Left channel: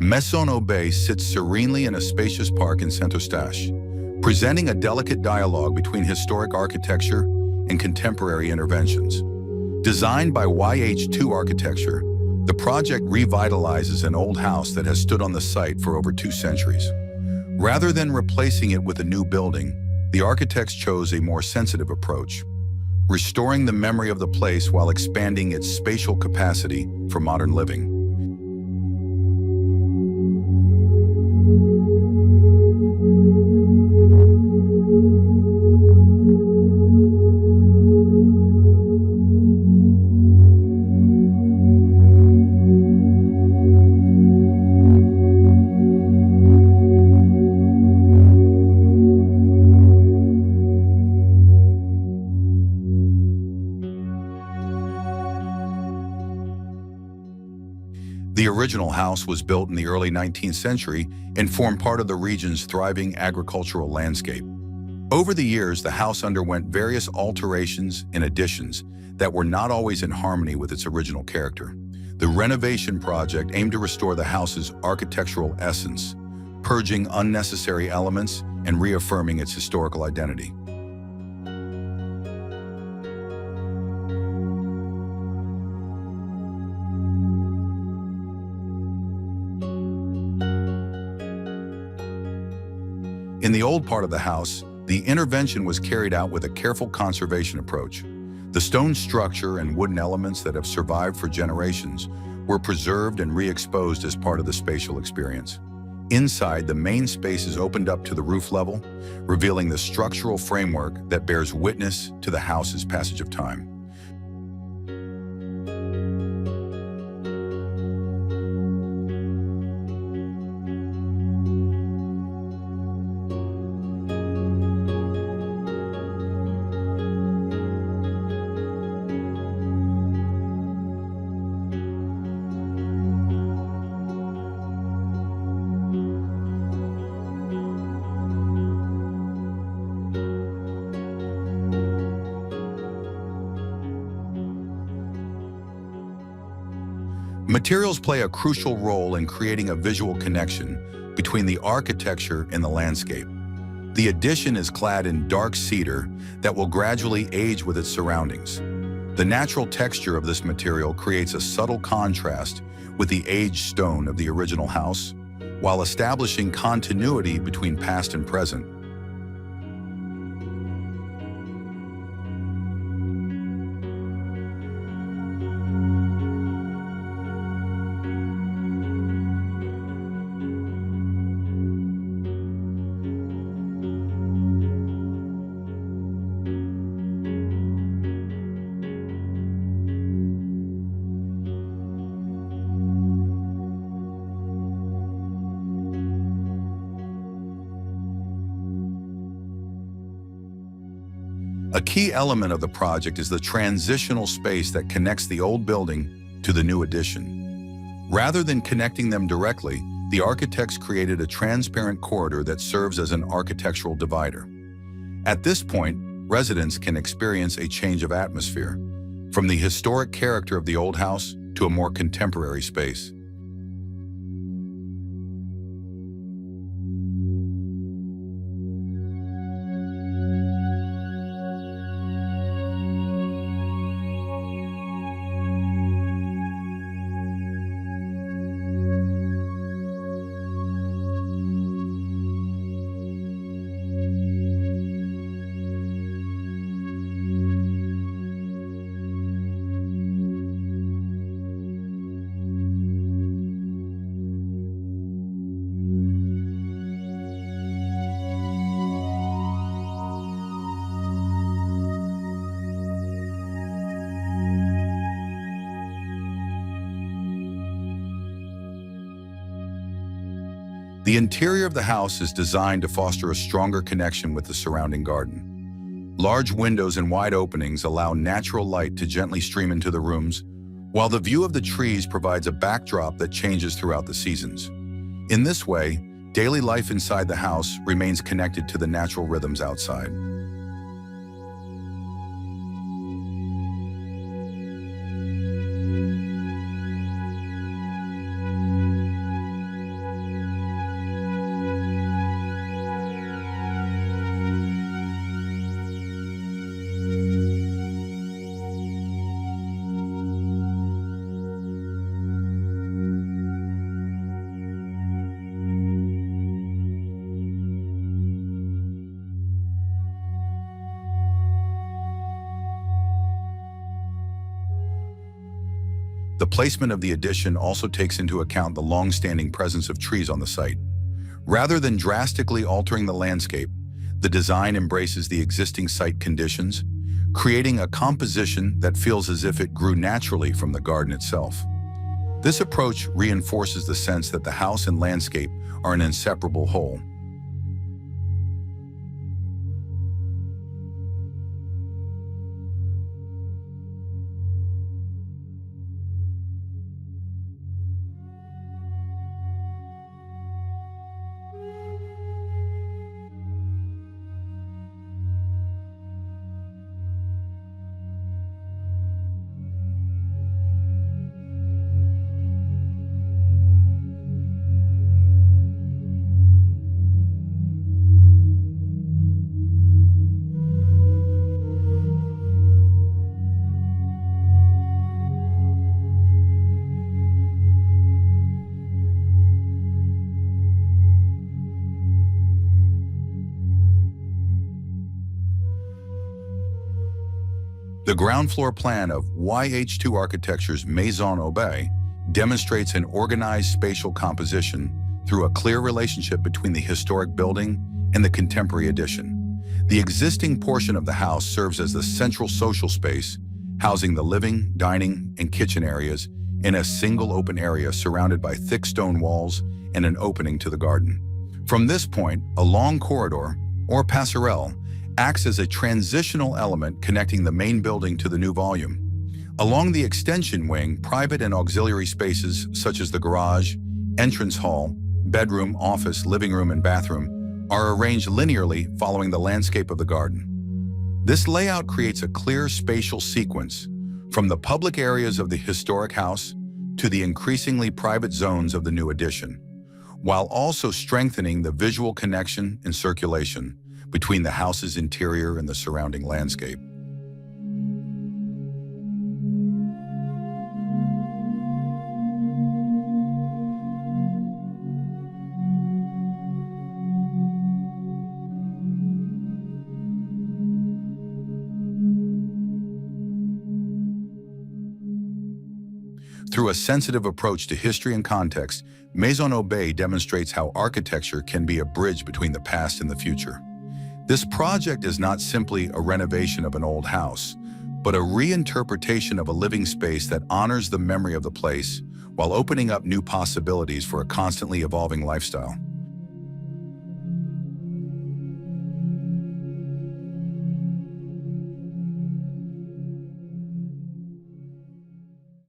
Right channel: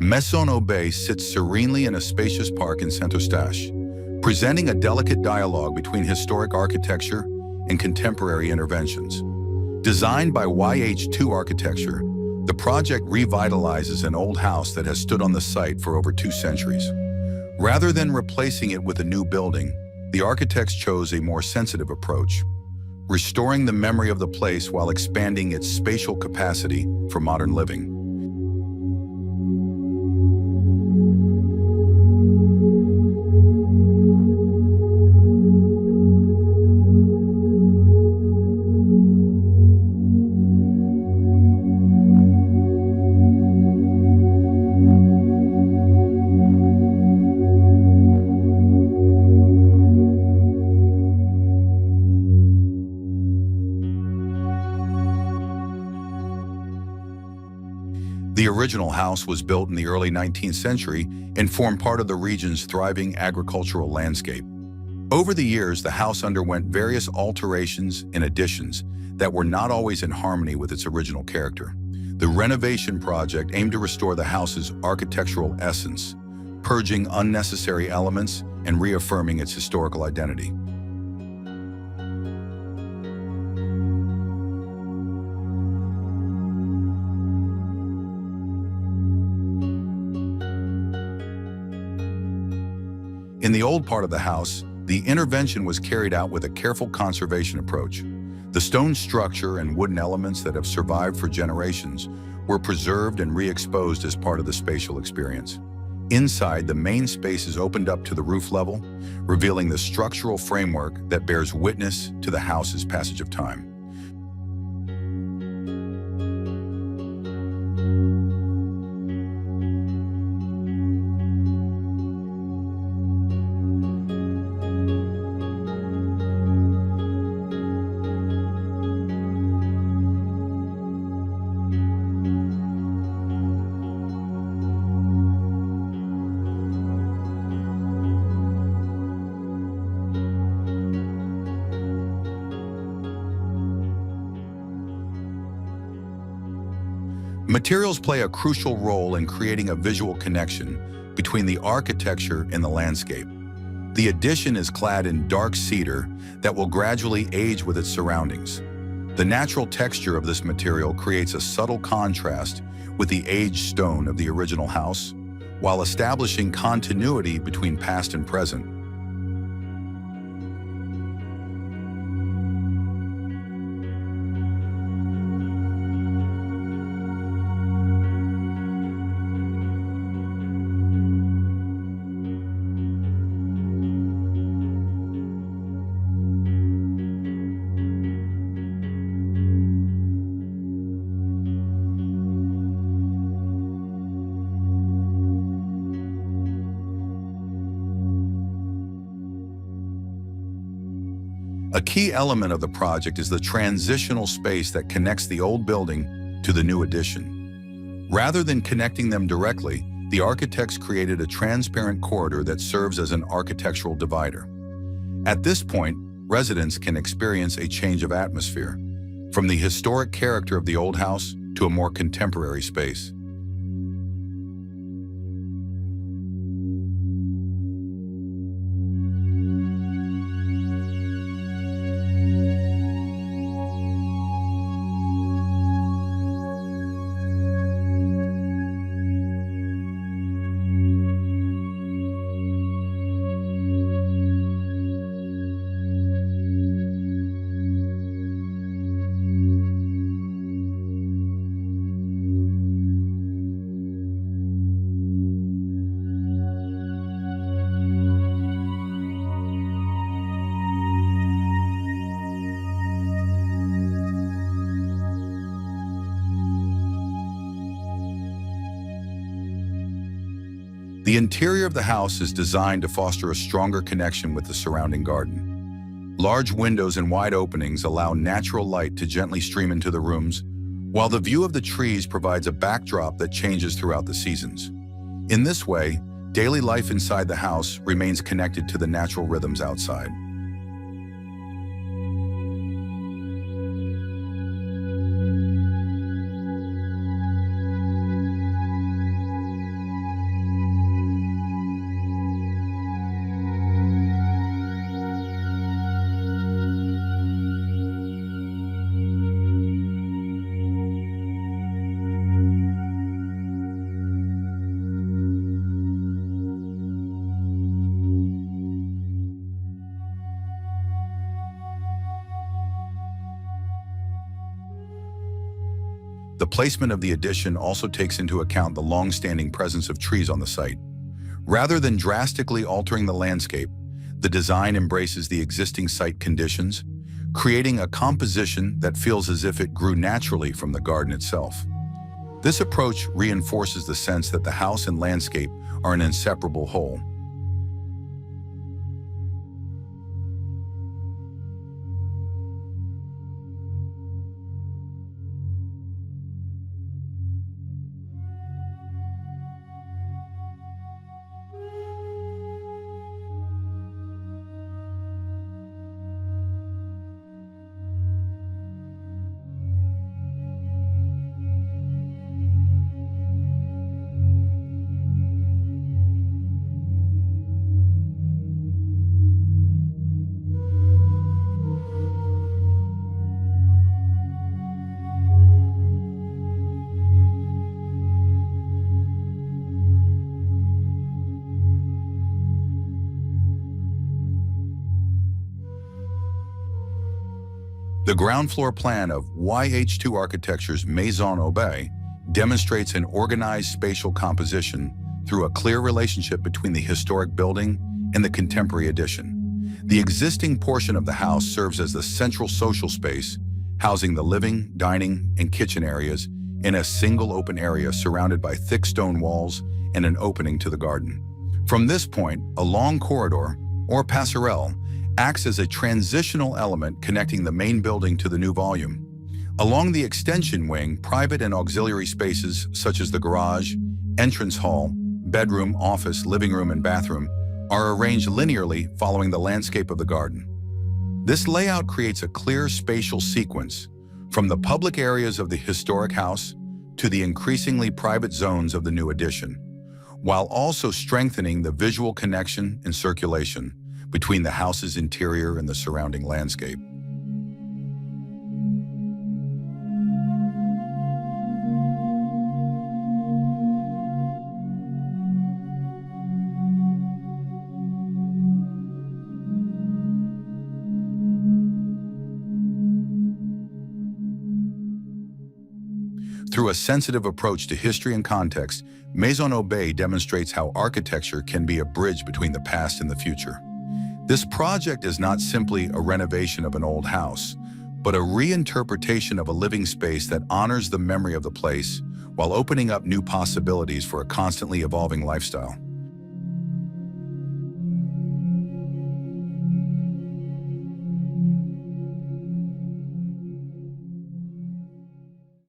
Maison Bay sits serenely in a spacious park in Saint-Eustache, presenting a delicate dialogue between historic architecture and contemporary interventions. Designed by YH2 Architecture, the project revitalizes an old house that has stood on the site for over 2 centuries. Rather than replacing it with a new building, the architects chose a more sensitive approach, restoring the memory of the place while expanding its spatial capacity for modern living. The original house was built in the early 19th century and formed part of the region's thriving agricultural landscape. Over the years, the house underwent various alterations and additions that were not always in harmony with its original character. The renovation project aimed to restore the house's architectural essence, purging unnecessary elements and reaffirming its historical identity. In the old part of the house, the intervention was carried out with a careful conservation approach. The stone structure and wooden elements that have survived for generations were preserved and re-exposed as part of the spatial experience. Inside, the main spaces opened up to the roof level, revealing the structural framework that bears witness to the house's passage of time. Materials play a crucial role in creating a visual connection between the architecture and the landscape. The addition is clad in dark cedar that will gradually age with its surroundings. The natural texture of this material creates a subtle contrast with the aged stone of the original house, while establishing continuity between past and present. A key element of the project is the transitional space that connects the old building to the new addition. Rather than connecting them directly, the architects created a transparent corridor that serves as an architectural divider. At this point, residents can experience a change of atmosphere, from the historic character of the old house to a more contemporary space. The interior of the house is designed to foster a stronger connection with the surrounding garden. Large windows and wide openings allow natural light to gently stream into the rooms, while the view of the trees provides a backdrop that changes throughout the seasons. In this way, daily life inside the house remains connected to the natural rhythms outside. placement of the addition also takes into account the long-standing presence of trees on the site. Rather than drastically altering the landscape, the design embraces the existing site conditions, creating a composition that feels as if it grew naturally from the garden itself. This approach reinforces the sense that the house and landscape are an inseparable whole. The ground floor plan of YH2 Architecture's Maison Bay demonstrates an organized spatial composition through a clear relationship between the historic building and the contemporary addition. The existing portion of the house serves as the central social space, housing the living, dining, and kitchen areas in a single open area surrounded by thick stone walls and an opening to the garden. From this point, a long corridor, or passerelle, acts as a transitional element connecting the main building to the new volume. Along the extension wing, private and auxiliary spaces such as the garage, entrance hall, bedroom, office, living room, and bathroom are arranged linearly following the landscape of the garden. This layout creates a clear spatial sequence from the public areas of the historic house to the increasingly private zones of the new addition, while also strengthening the visual connection and circulation between the house's interior and the surrounding landscape. Through a sensitive approach to history and context, Maison Bay demonstrates how architecture can be a bridge between the past and the future. This project is not simply a renovation of an old house, but a reinterpretation of a living space that honors the memory of the place while opening up new possibilities for a constantly evolving lifestyle.